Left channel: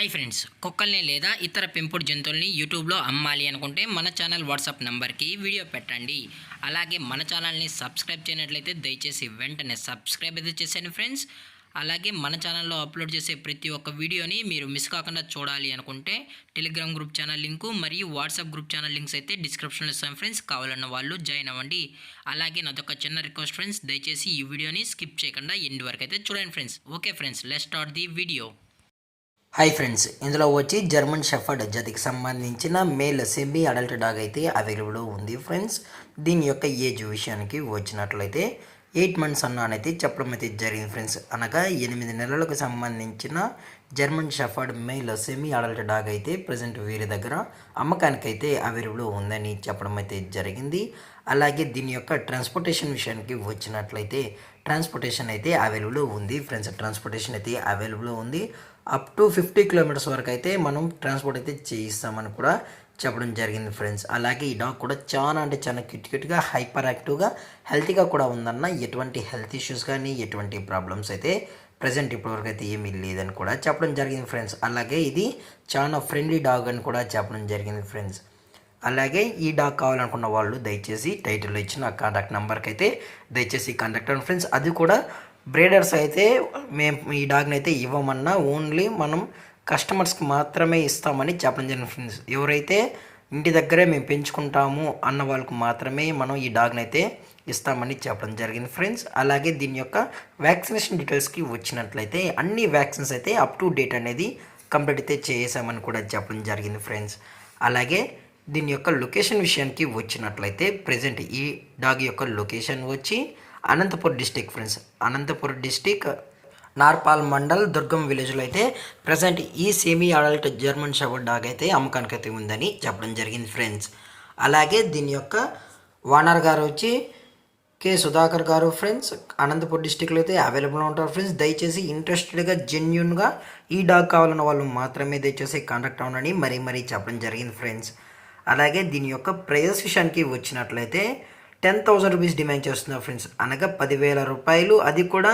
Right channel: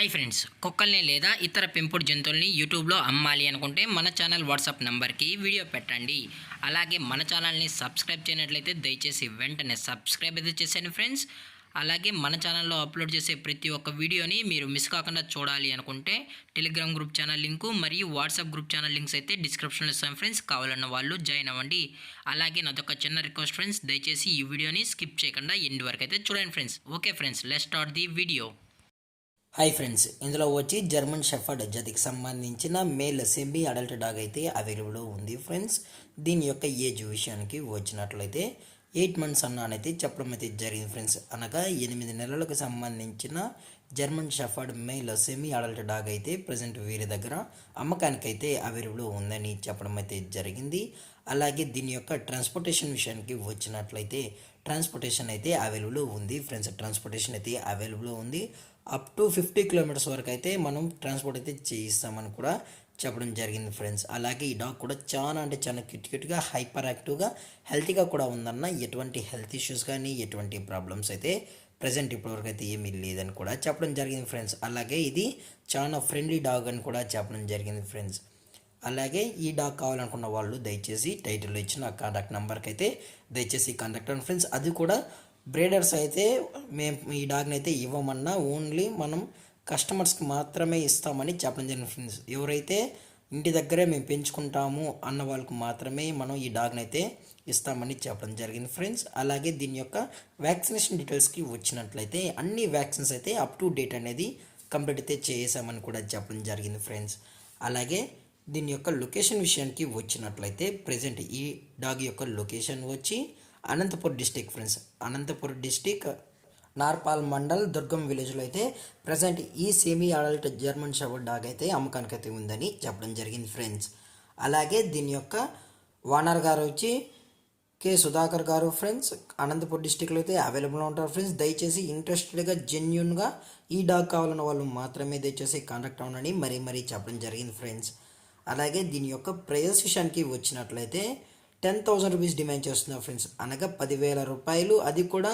Hi friends, కుక్కల్ని లేదా ఇతర పెంపుడు జంతువుల్ని యూట్యూబ్లో అమ్మాలి అనుకుంటే మన ఛానల్ వాట్సాప్ నెంబర్కి వీడియో పెట్టండి. అలాగే మన ఛానల్ని సబ్స్క్రైబ్ చేయనట్లయితే దయచేసి వెంటనే సబ్స్క్రైబ్ అయితే చేసేయండి ఫ్రెండ్స్. అలాగే మన ఛానల్లో అప్లోడ్ చేసే ప్రతి ఒక్క వీడియోని మీరు మిస్ కాకుండా చూడాలి అనుకుంటే టెలిగ్రామ్ గ్రూప్ ఛానల్ లింకు మరియు వాట్సాప్ గ్రూప్ ఛానల్ లింక్స్ అయితే డిస్క్రిప్షన్లో ఇస్తాం ఫ్రెండ్స్. కావాలన్న వాళ్ళు జాయిన్ అవ్వండి. అలాగే నాదొక చిన్న రిక్వెస్ట్ ఫ్రెండ్స్, దయచేసి ఈ వీడియోని స్కిప్ చేయకుండా ఎండ్ వరకు అయితే చూడండి friends. Okay friends, let's start the video. Hi friends, ఇందులో వచ్చి జర్మన్ షెఫర్డ్ జాతికి సంబంధించిన మేల్ సెమీ అడల్ట్ డాగ్ అయితే అవైలబుల్ ఉంది ఫ్రెండ్స్. దీని యొక్క ఏజ్ విషయానికి వచ్చినట్లయితే 8 months అన్నైతే చెప్పడం అయితే జరిగింది ఫ్రెండ్స్. అనగా 8 నెలలకు సంబంధించిన German shepherd male semi adult dog అయితే ప్రజెంట్ వీరి దగ్గర అమ్మకానికి అయితే అవైలబుల్ ఉందని చెప్పడం అయితే జరిగింది. అలాగే దీని యొక్క ట్రాన్స్పోర్టేషన్ విషయానికి వచ్చినట్లయితే ట్రాన్స్పోర్టేషన్ అయితే అవైలబుల్ ఉంది ఫ్రెండ్స్. ట్రాన్స్పోర్టేషన్ అయితే అవైలబుల్ ఉంది. అప్ టు 50 kilometers వరకు అయితే మనం ట్రాన్స్పోర్ట్ అయితే చేయిస్తామని కూడా చెప్పడం జరిగింది ఫ్రెండ్స్. అలాగే ఈ డాగ్ కూడా చాలా క్యూట్గా హైపర్ యాక్టివ్గా హెల్తీగా కూడా ఉందన్న. ఎటువంటి హెల్త్ ఇష్యూస్ కానీ ఎటువంటి ప్రాబ్లమ్స్ అయితే ప్రజెంట్ ఇప్పటివరకు అయితే ఏమీ లేదని కూడా చెప్పడం జరిగింది ఫ్రెండ్స్. అలాగే ఇది చాలా ఫ్రెండ్లీ డాగ్ అని కూడా చెప్పడం జరిగింది ఫ్రెండ్స్. అలాగే ఈ డాగ్ కావాలనుకున్న వాళ్ళు దయచేసి టైటిల్లో ఇచ్చిన కాంటాక్ట్ నెంబర్కి అయితే దయచేసి కాంటాక్ట్ అవ్వండి ఫ్రెండ్స్. అది కూడా బ్రీడర్స్ అయితే మేము ఈ డాగ్ని అయితే ఇవ్వమన్నా ఓన్లీ మనం కస్టమర్స్కి మాత్రమే ఇస్తామని చెప్పడం జరిగింది ఫ్రెండ్స్. ఎవరైతే ఇంటి దగ్గరే మేము పెంచుకుంటాము అన్న వాళ్ళకు మాత్రమే మనం ఈ డాగ్ని అయితే ఇస్తామని చెప్పడం జరిగింది ఫ్రెండ్స్. అలాగే దీని యొక్క వ్యాక్సినేషన్ డీటెయిల్స్కి వచ్చినట్లయితే అన్ని వ్యాక్సిన్స్ అయితే అప్ టు డేట్ అనేది కంప్లీట్ అయితే చేసామని కూడా చెప్పడం జరిగింది ఫ్రెండ్స్. అలాగే దీని యొక్క లొకేషన్ విషయానికి వచ్చినట్లయితే ప్రజెంట్ ఈ డాగ్ యొక్క లొకేషన్ వచ్చి Anantapur district friends. Anantapur district Narpal mandal Durgam విలేజ్లో అయితే ప్రజెంట్ ఈ semi adult German shepherd dog అయితే అమ్మకానికి అయితే ఉందని చెప్పడం జరిగింది ఫ్రెండ్స్. అలాగే దీని యొక్క ఓనర్ గారు వచ్చి కె సుధాకర్ గారు ఫ్రెండ్స్. అనంతపూర్ డిస్టిక్లో అయితే అవైలబుల్ ఉంటారు ఫ్రెండ్స్. దయచేసి ఇంట్రెస్టెడ్గా జెన్యున్గా ఈ డాగ్ కావాలన్న వాళ్ళు మాత్రమే దయచేసి కాంటాక్ట్ అవ్వనని మరీ చెప్పడం జరిగింది ఫ్రెండ్స్. అలాగే దీని యొక్క ప్రైజెస్ విషయానికి వచ్చినట్లయితే 10,000 రూపీస్ డిమాండ్ చేస్తున్నారు ఫ్రెండ్స్. అనగా 10,000 రూపాయలు. అది కూడా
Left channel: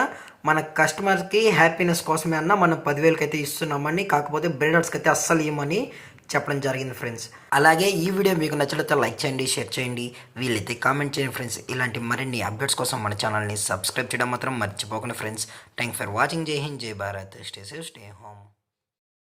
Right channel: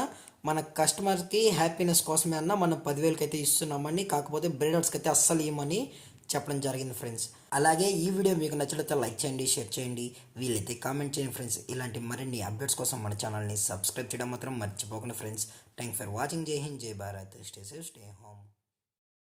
మన కస్టమర్కి హ్యాపీనెస్ కోసమే అన్న మనం 10,000కి అయితే ఇస్తున్నామని. కాకపోతే బ్రీడర్స్కి అయితే అస్సలు ఇవ్వమని చెప్పడం జరిగింది ఫ్రెండ్స్. అలాగే ఈ వీడియో మీకు నచ్చినట్లయితే లైక్ చేయండి, షేర్ చేయండి, వీలైతే కామెంట్ చేయండి ఫ్రెండ్స్. ఇలాంటి మరిన్ని అప్డేట్స్ కోసం మన ఛానల్ని సబ్స్క్రైబ్ చేయడం మాత్రం మర్చిపోకండి ఫ్రెండ్స్. Thank for watching. జై హింద్, జై Bharat. Stay safe, stay home.